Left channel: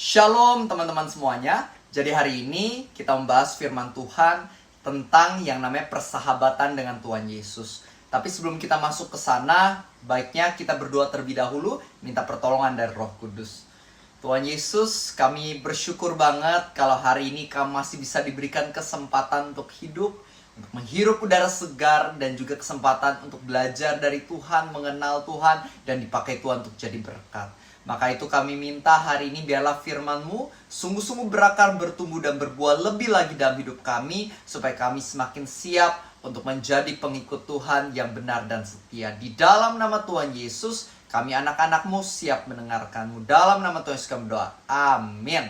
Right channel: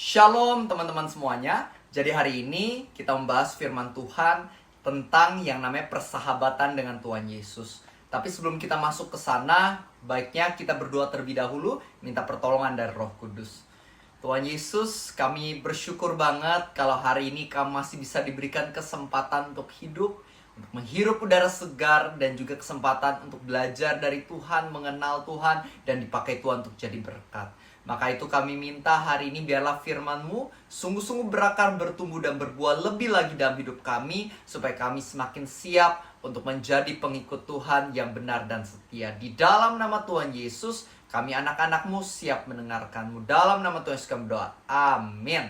Shalom teman-teman semuanya. Jadi hari ini kita membahas firman Tuhan tentang yang namanya persahabatan dengan Tuhan Yesus. Tapi sebelum kita masuk ke sana, baiknya kita berdoa terlebih dahulu, minta pertolongan dari Roh Kudus. Tuhan Yesus, kami bersyukur banget kalau hari ini kami masih bisa diberikan kesempatan untuk hidup, untuk menghirup udara segar, dan juga kesempatan untuk belajar dari Tuhan, mengenal Tuhan, dan dipakai Tuhan untuk jadi berkat. Maka itu kami minta hari ini biarlah firman-Mu sungguh-sungguh berakar, bertumbuh, dan berbuah lebih lagi dalam hidup kami, supaya kami semakin siap untuk menjadi pengikut Tuhan yang benar dan setia. Di dalam nama Tuhan Yesus, kami anak-anak-Mu siap mendengarkan-Mu. Dalam nama Tuhan Yesus kami berdoa. Amin.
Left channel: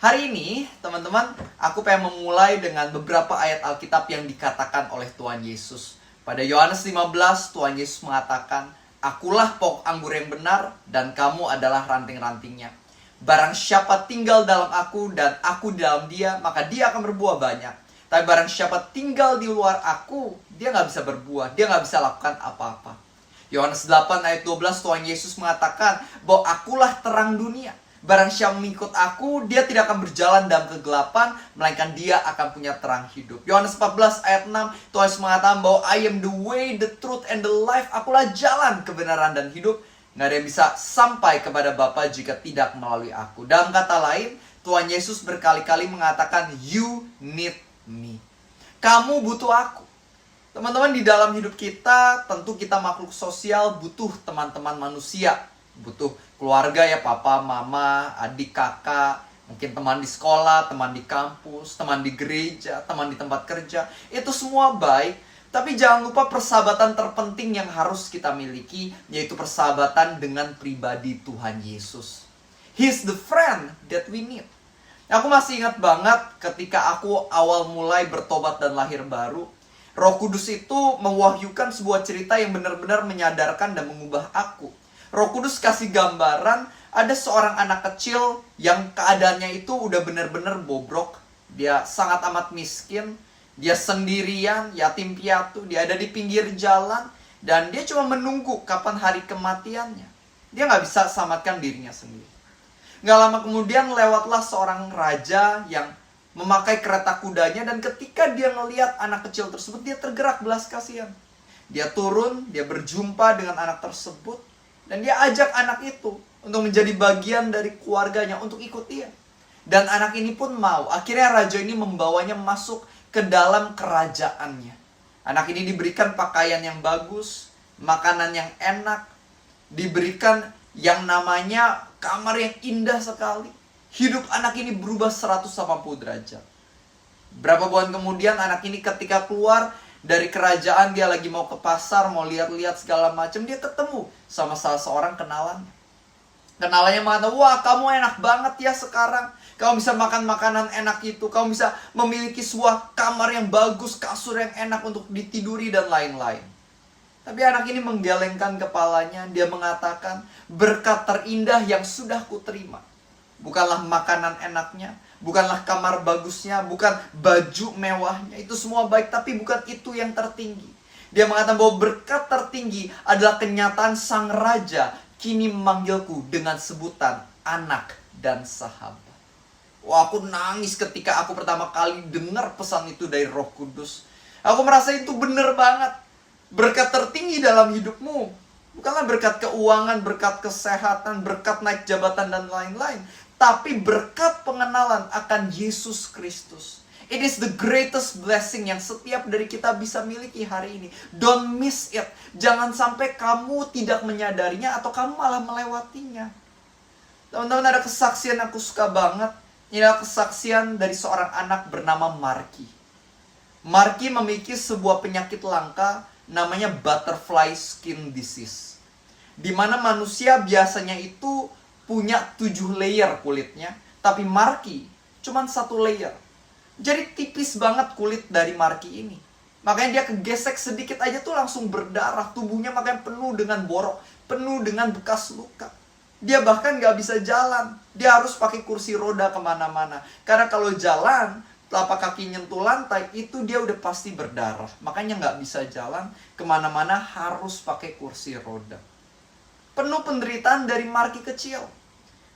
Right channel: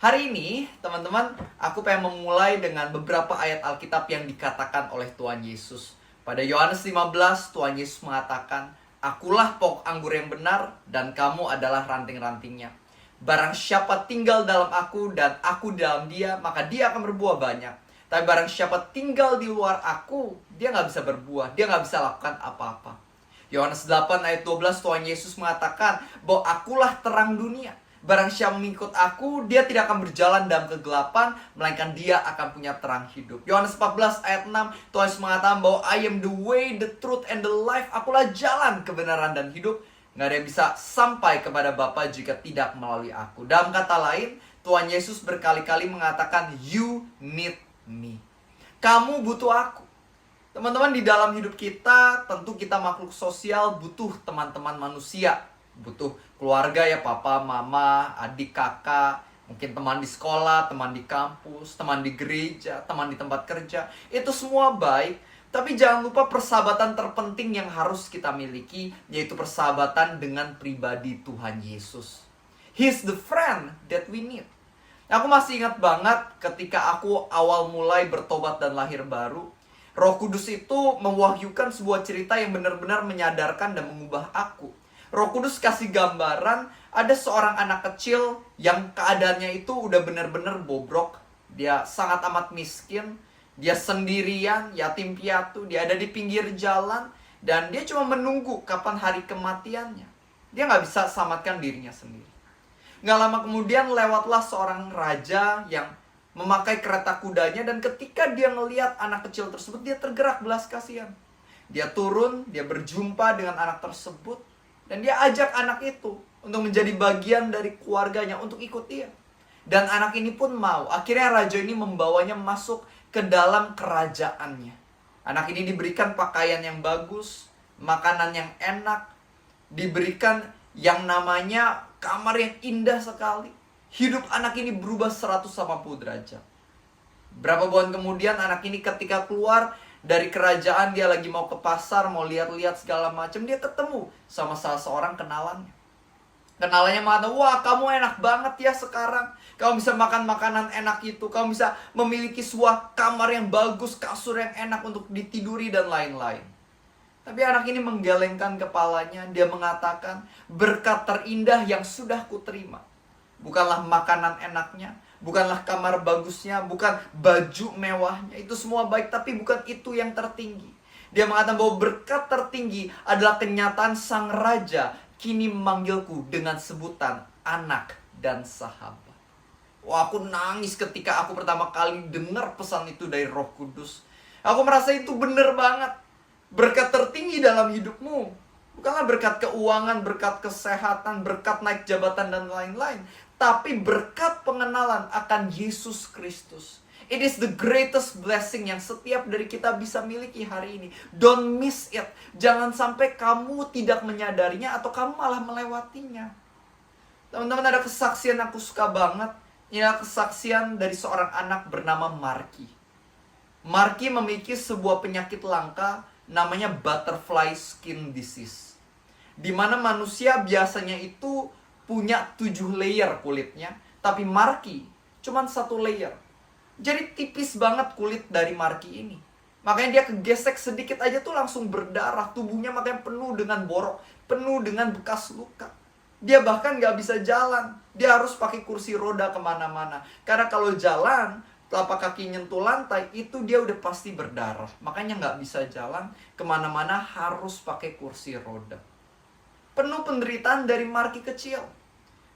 Hari ini, teman-teman, aku pengen memulai dengan beberapa ayat Alkitab yang dikatakan oleh Tuhan Yesus. Pada Yohanes 15, Tuhan Yesus mengatakan, "Akulah pokok anggur yang benar, dan kamu adalah ranting-rantingnya. Barang siapa tinggal dalam aku, dan aku di dalam dia, maka dia akan berbuah banyak. Tapi barang siapa tinggal di luar aku, dia nggak bisa berbuah, dia nggak bisa lakukan apa-apa." Yohanes 8 ayat 12, Tuhan Yesus mengatakan bahwa akulah terang dunia. Barang siapa mengikut aku, dia tidak akan berjalan dalam kegelapan, melainkan dia akan punya terang hidup. Yohanes 14 ayat 6, Tuhan Yesus mengatakan bahwa I am the way, the truth, and the life. Akulah jalan, kebenaran, dan hidup. Nggak ada yang bisa sampai kepada Bapa jika tidak melalui aku. Dalam kata lain, Tuhan Yesus berkali-kali mengatakan, you need me. Kamu butuh aku. Teman-teman, di dalam hidup kita, tentu kita makhluk sosial, butuh teman-teman manusia. Butuh keluarga ya, papa, mama, adik, kakak, mungkin teman di sekolah, teman di kampus, teman di gereja, teman di tempat kerja. Itu semua baik, tapi jangan lupa persahabatan terpenting yang harus kita miliki, yaitu persahabatan dengan pribadi Tuhan Yesus. He's the friend that we need. Aku masih ingat banget ketika aku awal mulai bertobat dan lahir baru. Roh Kudus itu mewahyukan sebuah cerita yang benar-benar menyadarkan dan mengubah aku. Roh Kudus kasih gambaran ada seorang anak kecil yang keadaannya itu udah benar-benar bobrok. Dia sangat amat miskin, dia sendirian, yatim piatu, dia ada di pinggir jalan, dan dia cuma menunggu kapan hari kematiannya. Dia nggak bisa selamatkan dirinya sendiri. Nggak lama kemudian lewatlah seorang raja yang memakai kereta kudanya, dan ketika dia ngelihat anak kecil tersebut, dia tergerak belas kasihan. Dia turun, dia berjumpa dengan anak tersebut, dan dia ajak anak itu untuk menjadi bagian dari keluarganya, untuk ikut dia. Dan anak ini pun mau. Akhirnya raja ini membawanya masuk ke dalam kerajaannya. Anak ini diberikan pakaian yang bagus, makanan yang enak, diberikan yang namanya kamar yang indah sekali. Hidup anak ini berubah 180 derajat. Berapa bulan kemudian anak ini ketika keluar dari kerajaan, dia lagi mau ke pasar, mau lihat-lihat segala macam, dia ketemu sama salah seorang kenalannya. Kenalannya mengatakan, wah kamu enak banget ya sekarang. Kamu bisa makan makanan enak itu. Kamu bisa memiliki sebuah kamar yang bagus, kasur yang enak untuk ditiduri, dan lain-lain. Tapi anak ini menggelengkan kepalanya. Dia mengatakan, berkat terindah yang sudah kuterima bukanlah makanan enaknya, bukanlah kamar bagusnya, bukan baju mewahnya. Itu semua baik, tapi bukan itu yang tertinggi. Dia mengatakan bahwa berkat tertinggi adalah kenyataan sang raja kini memanggilku dengan sebutan anak dan sahabat. Wah, aku nangis ketika aku pertama kali dengar pesan itu dari Roh Kudus. Aku merasa itu benar banget. Berkat tertinggi dalam hidupmu bukanlah berkat keuangan, berkat kesehatan, berkat naik jabatan, dan lain-lain, tapi berkat pengenalan akan Yesus Kristus. It is the greatest blessing yang setiap dari kita bisa miliki hari ini. Don't miss it. Jangan sampai kamu tidak menyadarinya atau kamu malah melewatinya. Teman-teman, ada kesaksian aku suka banget. Ini adalah kesaksian dari seorang anak bernama Marky. Marky memiliki sebuah penyakit langka namanya butterfly skin disease, di mana manusia biasanya itu punya 7 layer kulitnya, tapi Marky cuma 1 layer. Jadi tipis banget kulit dari Marky ini. Makanya dia kegesek sedikit aja tuh langsung berdarah. Tubuhnya makanya penuh dengan borok, penuh dengan bekas luka. Dia bahkan gak bisa jalan. Dia harus pakai kursi roda kemana-mana. Karena kalau jalan, telapak kaki nyentuh lantai, itu dia udah pasti berdarah. Makanya gak bisa jalan kemana-mana, harus pakai kursi roda. Penuh penderitaan dari Marky kecil.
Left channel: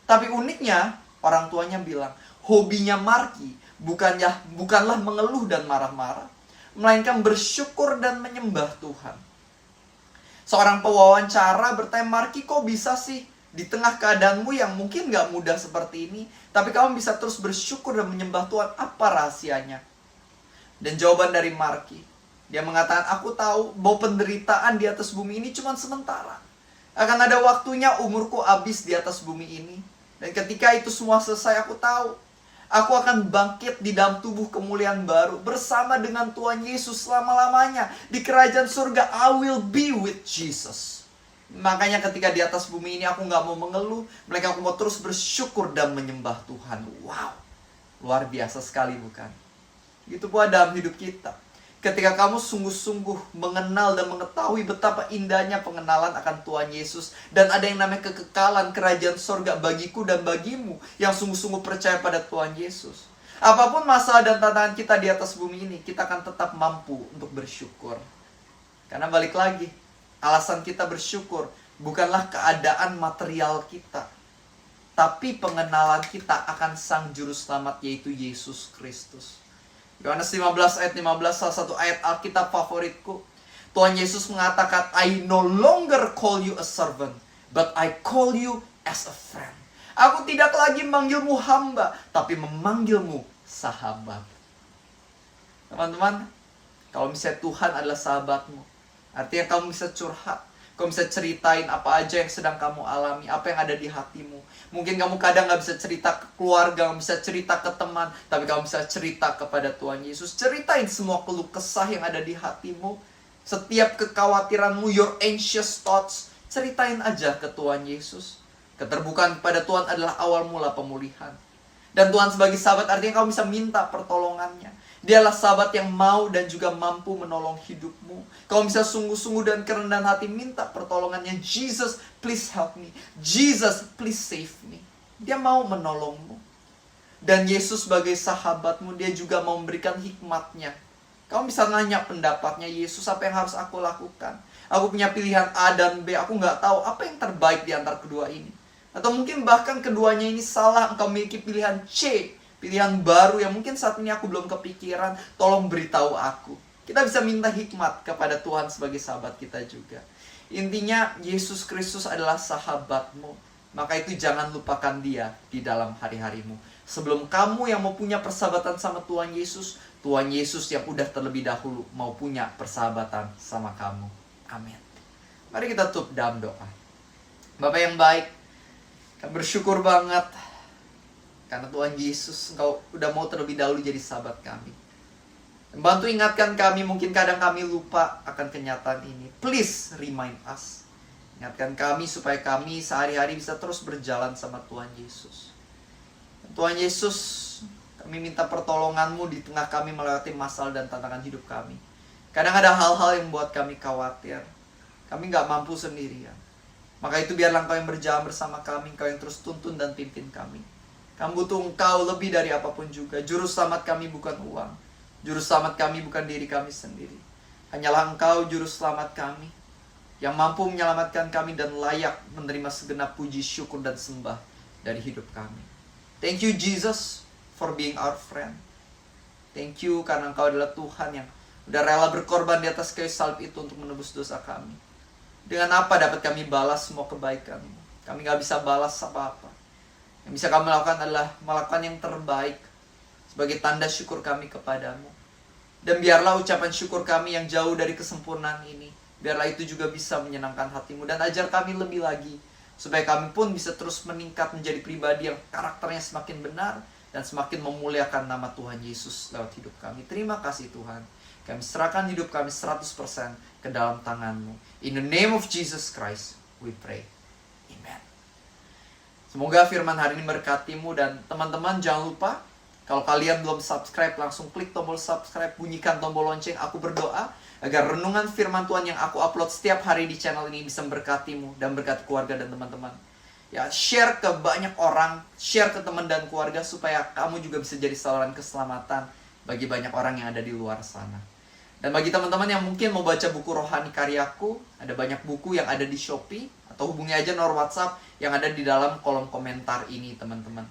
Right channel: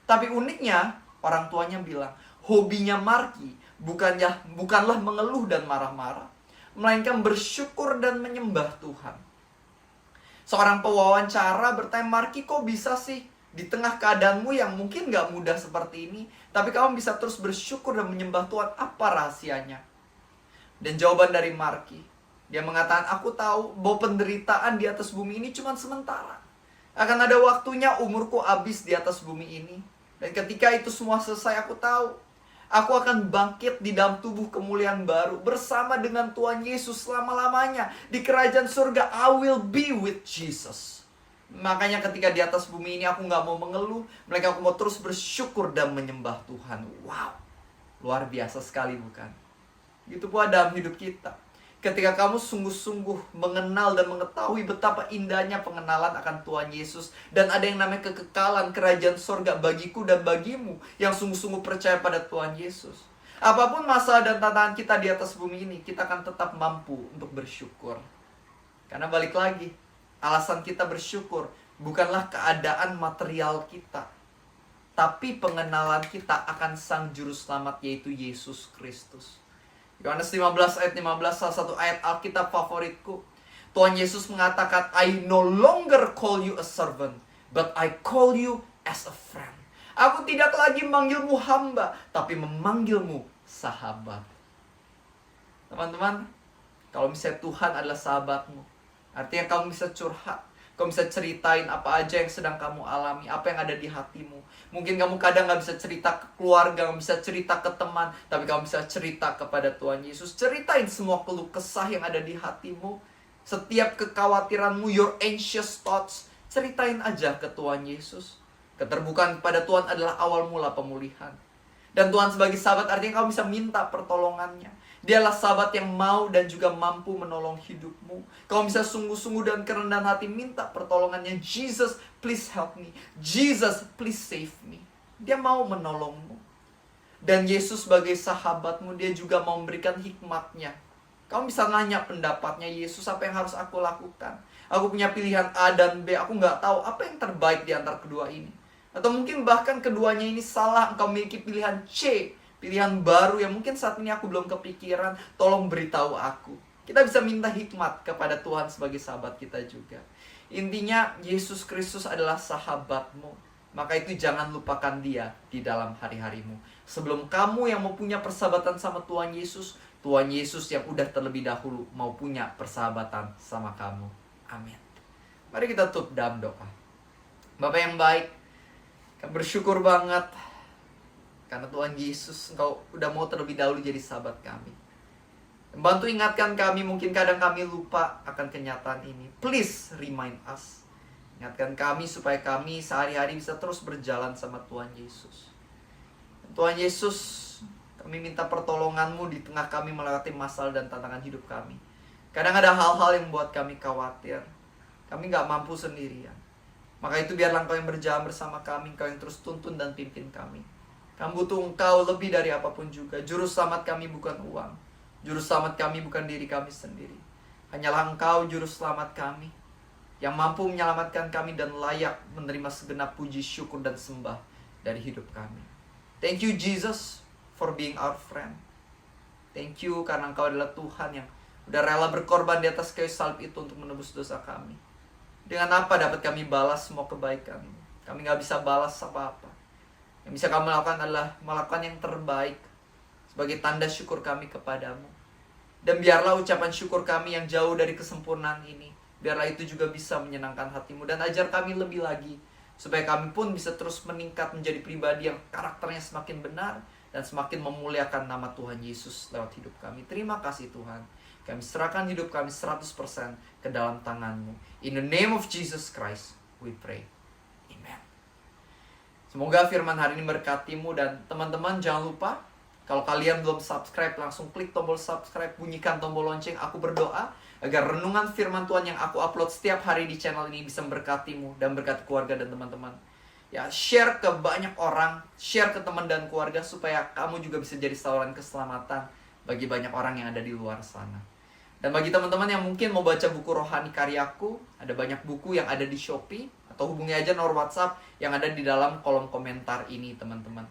Tapi uniknya, orang tuanya bilang, hobinya Marky bukanlah mengeluh dan marah-marah, melainkan bersyukur dan menyembah Tuhan. Seorang pewawancara bertanya, Marky, kok bisa sih di tengah keadaanmu yang mungkin gak mudah seperti ini, tapi kamu bisa terus bersyukur dan menyembah Tuhan, apa rahasianya? Dan jawaban dari Marky, dia mengatakan, aku tahu bahwa penderitaan di atas bumi ini cuma sementara. Akan ada waktunya umurku habis di atas bumi ini. Dan ketika itu semua selesai, aku tahu aku akan bangkit di dalam tubuh kemuliaan baru bersama dengan Tuhan Yesus selama-lamanya. Di kerajaan surga, I will be with Jesus. Makanya ketika di atas bumi ini aku gak mau mengeluh, melainkan aku mau terus bersyukur dan menyembah Tuhan. Wow, luar biasa sekali bukan? Gitu pula dalam hidup kita. Ketika kamu sungguh-sungguh mengenal dan mengetahui betapa indahnya pengenalan akan Tuhan Yesus, dan ada yang namanya kekekalan kerajaan sorga bagiku dan bagimu yang sungguh-sungguh percaya pada Tuhan Yesus. Apapun masalah dan tantangan kita di atas bumi ini, kita akan tetap mampu untuk bersyukur. Karena balik lagi, alasan kita bersyukur bukanlah keadaan material kita, tapi pengenalan kita akan Sang Juru Selamat, yaitu Yesus Kristus. Yohanes 15 ayat 15, salah satu ayat Alkitab favoritku. Tuhan Yesus mengatakan, I no longer call you a servant, but I call you as a friend. Aku tidak lagi memanggilmu hamba, tapi memanggilmu sahabat. Teman-teman, kalau misalnya Tuhan adalah sahabatmu, artinya kamu bisa curhat. Kamu bisa ceritain apa aja yang sedang kamu alami, apa yang ada di hatimu. Mungkin kamu kadang gak bisa cerita ke keluarga, gak bisa cerita ke teman, tapi kamu bisa cerita kepada Tuhan Yesus. Ceritain semua keluh kesah yang ada di hatimu. Setiap kekhawatiranmu, your anxious thoughts, ceritain aja ke Tuhan Yesus. Keterbukaan kepada Tuhan adalah awal mula pemulihan. Dan Tuhan sebagai sahabat artinya kamu bisa minta pertolongannya. Dialah sahabat yang mau dan juga mampu menolong hidupmu. Kamu bisa sungguh-sungguh dan kerendahan hati minta pertolongannya. Jesus, please help me. Jesus, please save me. Dia mau menolongmu. Dan Yesus sebagai sahabatmu, dia juga mau memberikan hikmatnya. Kamu bisa nanya pendapatnya, Yesus, apa yang harus aku lakukan? Aku punya pilihan A dan B, aku nggak tahu apa yang terbaik di antara kedua ini. Atau mungkin bahkan keduanya ini salah, engkau memiliki pilihan C, pilihan baru yang mungkin saat ini aku belum kepikiran, tolong beritahu aku. Kita bisa minta hikmat kepada Tuhan sebagai sahabat kita juga. Intinya, Yesus Kristus adalah sahabatmu. Maka itu jangan lupakan dia di dalam hari-harimu. Sebelum kamu yang mau punya persahabatan sama Tuhan Yesus yang udah terlebih dahulu mau punya persahabatan sama kamu. Amin. Mari kita tutup dalam doa. Bapak yang baik, kami bersyukur banget karena Tuhan Yesus, Engkau udah mau terlebih dahulu jadi sahabat kami. Bantu ingatkan kami, mungkin kadang kami lupa akan kenyataan ini. Please remind us. Ingatkan kami supaya kami sehari-hari bisa terus berjalan sama Tuhan Yesus. Tuhan Yesus, kami minta pertolongan-Mu di tengah kami melewati masalah dan tantangan hidup kami. Kadang ada hal-hal yang membuat kami khawatir. Kami gak mampu sendirian. Maka itu biarlah Engkau yang berjalan bersama kami, Engkau yang terus tuntun dan pimpin kami. Kami butuh Engkau lebih dari apapun juga. Juru selamat kami bukan uang. Juru selamat kami bukan diri kami sendiri. Hanyalah Engkau juru selamat kami, yang mampu menyelamatkan kami dan layak menerima segenap puji, syukur, dan sembah dari hidup kami. Thank you Jesus for being our friend. Thank you karena Engkau adalah Tuhan yang udah rela berkorban di atas kayu salib itu untuk menebus dosa kami. Dengan apa dapat kami balas semua kebaikan-Mu? Kami gak bisa balas apa-apa. Yang bisa kami lakukan adalah melakukan yang terbaik sebagai tanda syukur kami kepadamu. Dan biarlah ucapan syukur kami yang jauh dari kesempurnaan ini, biarlah itu juga bisa menyenangkan hati-Mu. Dan ajar kami lebih lagi, supaya kami pun bisa terus meningkat menjadi pribadi yang karakternya semakin benar dan semakin memuliakan nama Tuhan Yesus lewat hidup kami. Terima kasih Tuhan. Kami serahkan hidup kami 100% ke dalam tangan-Mu. In the name of Jesus Christ, we pray. Amen. Semoga firman hari ini berkati-Mu, dan teman-teman jangan lupa, kalau kalian belum subscribe, langsung klik tombol subscribe, bunyikan tombol lonceng. Aku berdoa agar renungan firman Tuhan yang aku upload setiap hari di channel ini bisa memberkati-Mu dan berkati keluarga dan teman-teman. Ya, share ke banyak orang, share ke teman dan keluarga supaya kamu juga bisa jadi saluran keselamatan bagi banyak orang yang ada di luar sana. Dan bagi teman-teman yang mungkin mau baca buku rohani karyaku, ada banyak buku yang ada di Shopee, atau hubungi aja nomor WhatsApp yang ada di dalam kolom komentar ini, teman-teman.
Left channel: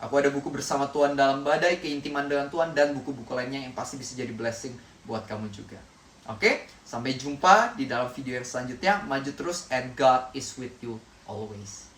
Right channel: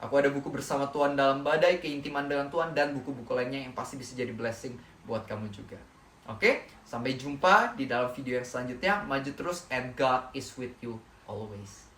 Aku ada buku Bersama Tuhan Dalam Badai, Keintiman dengan Tuhan, dan buku-buku lainnya yang pasti bisa jadi blessing buat kamu juga. Oke, sampai jumpa di dalam video yang selanjutnya. Maju terus and God is with you always.